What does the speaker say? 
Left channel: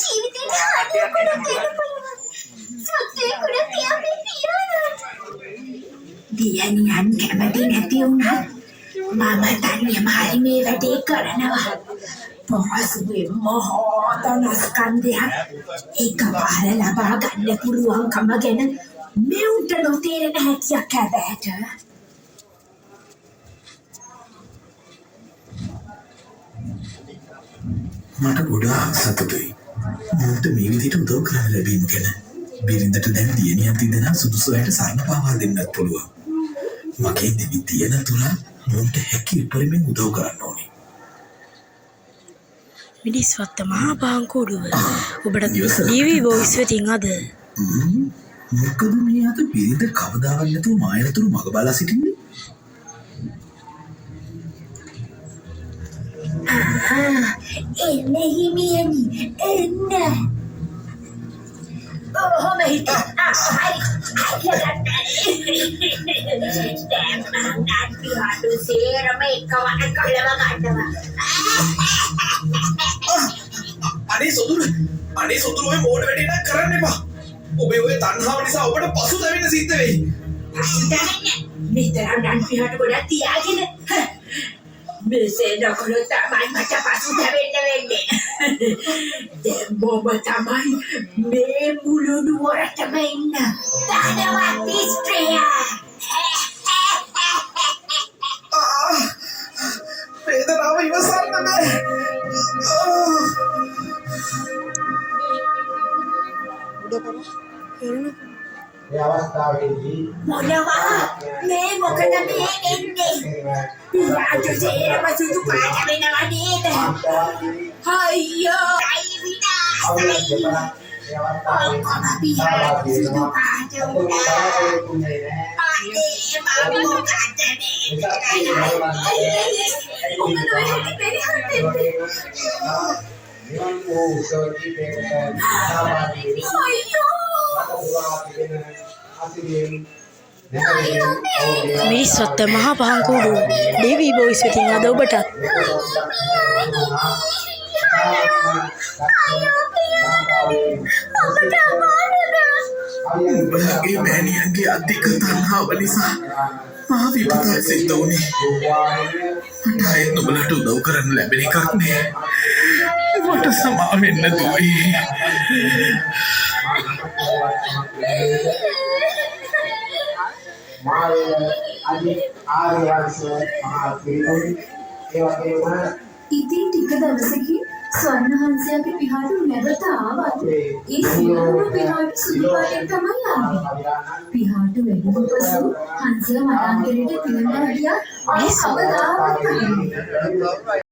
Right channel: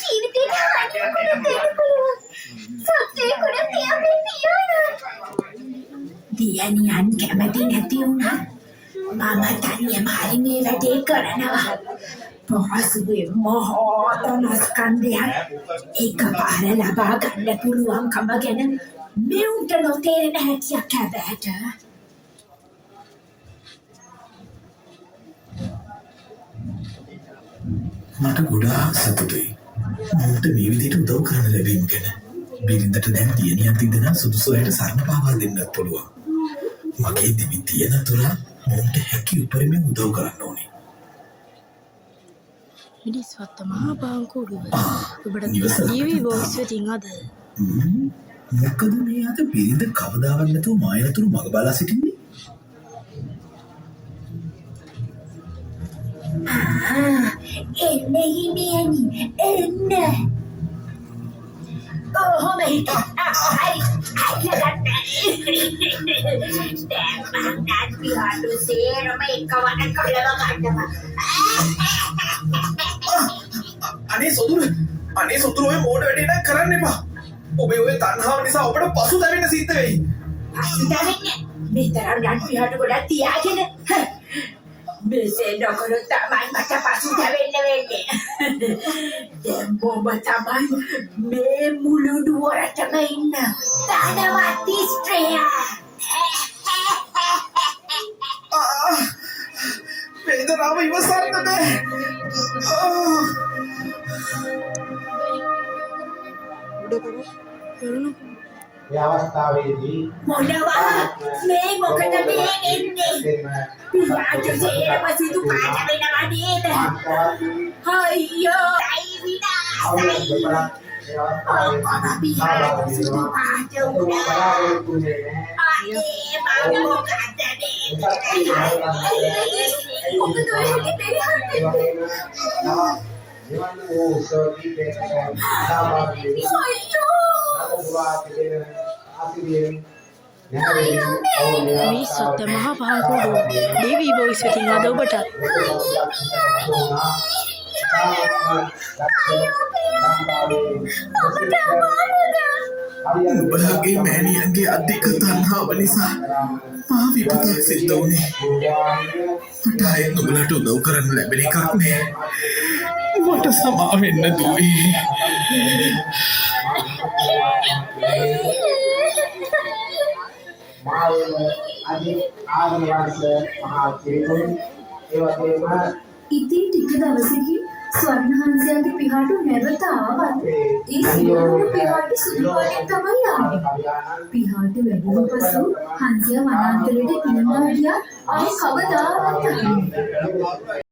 ජීවිතේ හරියට දෙන්න පුළුවන්. සත්‍යයකට තියන්නේ තියනවා. දියණියන් කැමති නැති වුණා. මම තනියම හරි මේ වැඩේ කරනවා. පහසුවේ මහාතනස්කන්ධයක් එකපාර ලබා ගන්න පුළුවන්කම ගැන මෙවුන්ට නොතේරෙන හැටියක් හැබෑට. මට ගොඩාක් සතුටුයි. මට මේ විදිහට උදව් කරන්න ලැබීම ගැන. බිරිඳට දැන් දියණියක් තිදෙනා සුදුසු අයට සරණ පාවා දෙන්නත් පුළුවන්. මගේ දිවි තියෙන තුර මොන්ට හැකි උපරිමයෙන් උදව් කරන්න ඕනේ. මිනිස්වත්ත මහා පාංකුඩුව ඔබට ටීවී වොයිස් වෙතින් අද මොකද මේ අද බිරිඳ කවදාවත් නැතුව මායනතුරු මග බලා සිටින්නේ? එන්න හිමියනි එන්න. ඔහොම හිට හරි දැන් මං පියාඩු සේරම එකවර කළව ගන්නවා. අනේ සොදුර ඔය මෝඩ වැඩේ නම් කරන්න එපා. ඔබේ ඔය තණ්හාව නිසා ඔබට පසුතැවෙන්න සිද්ධ වෙයි. පසුතැවෙන්න? මෙතරම් නම් පියාඩු ගොඩක් තියාගෙන මෙසේ නොකළොත් තමයි මට පසුතැවෙන්න වෙන්නේ. දැන් බොබ තමයි මේ මුළු නුවරටම ඉන්න ධනවත් ස්ත්‍රිය. වේදනාව ඉවසන්න බෑ. මේ අවස්ථාවේදී මොනවා මේ මොකද මේ එන්නේ? පියාට සේරම සුදු පාට වෙනවා නේද? අයියෝ අයිවිනා ඔක්කොම පියාට සුදු පාට වුණා. අනේ මම මොකද මිනිස්වත්ත මහා පාංකුඩුව ටීවී වොයිස් වෙතින් අද ඔබට ඔබලාගේ මෑණියන්ගේ අධික තණ්හාව නිසා මා විපතක් සිද්ධ වුණේ. මට ආයෙත් ඔබලාට උදව් කරන්න ලැබෙන එකක් නෑ. මට සමා වෙන්න දුවේ. ඉතින් ටික දවසකින් ස්වර්ණහංසයාගේ පිහාටු නැවත ආවත් ඒ සියලුම පිහාටු සුදු පාටින් තමයි ආවේ. පිහාටු වැඩිම පසු හංසයා වනාන්තරයට පිනවලා ගියා. ආයෙ කවදාවත් නැහැ.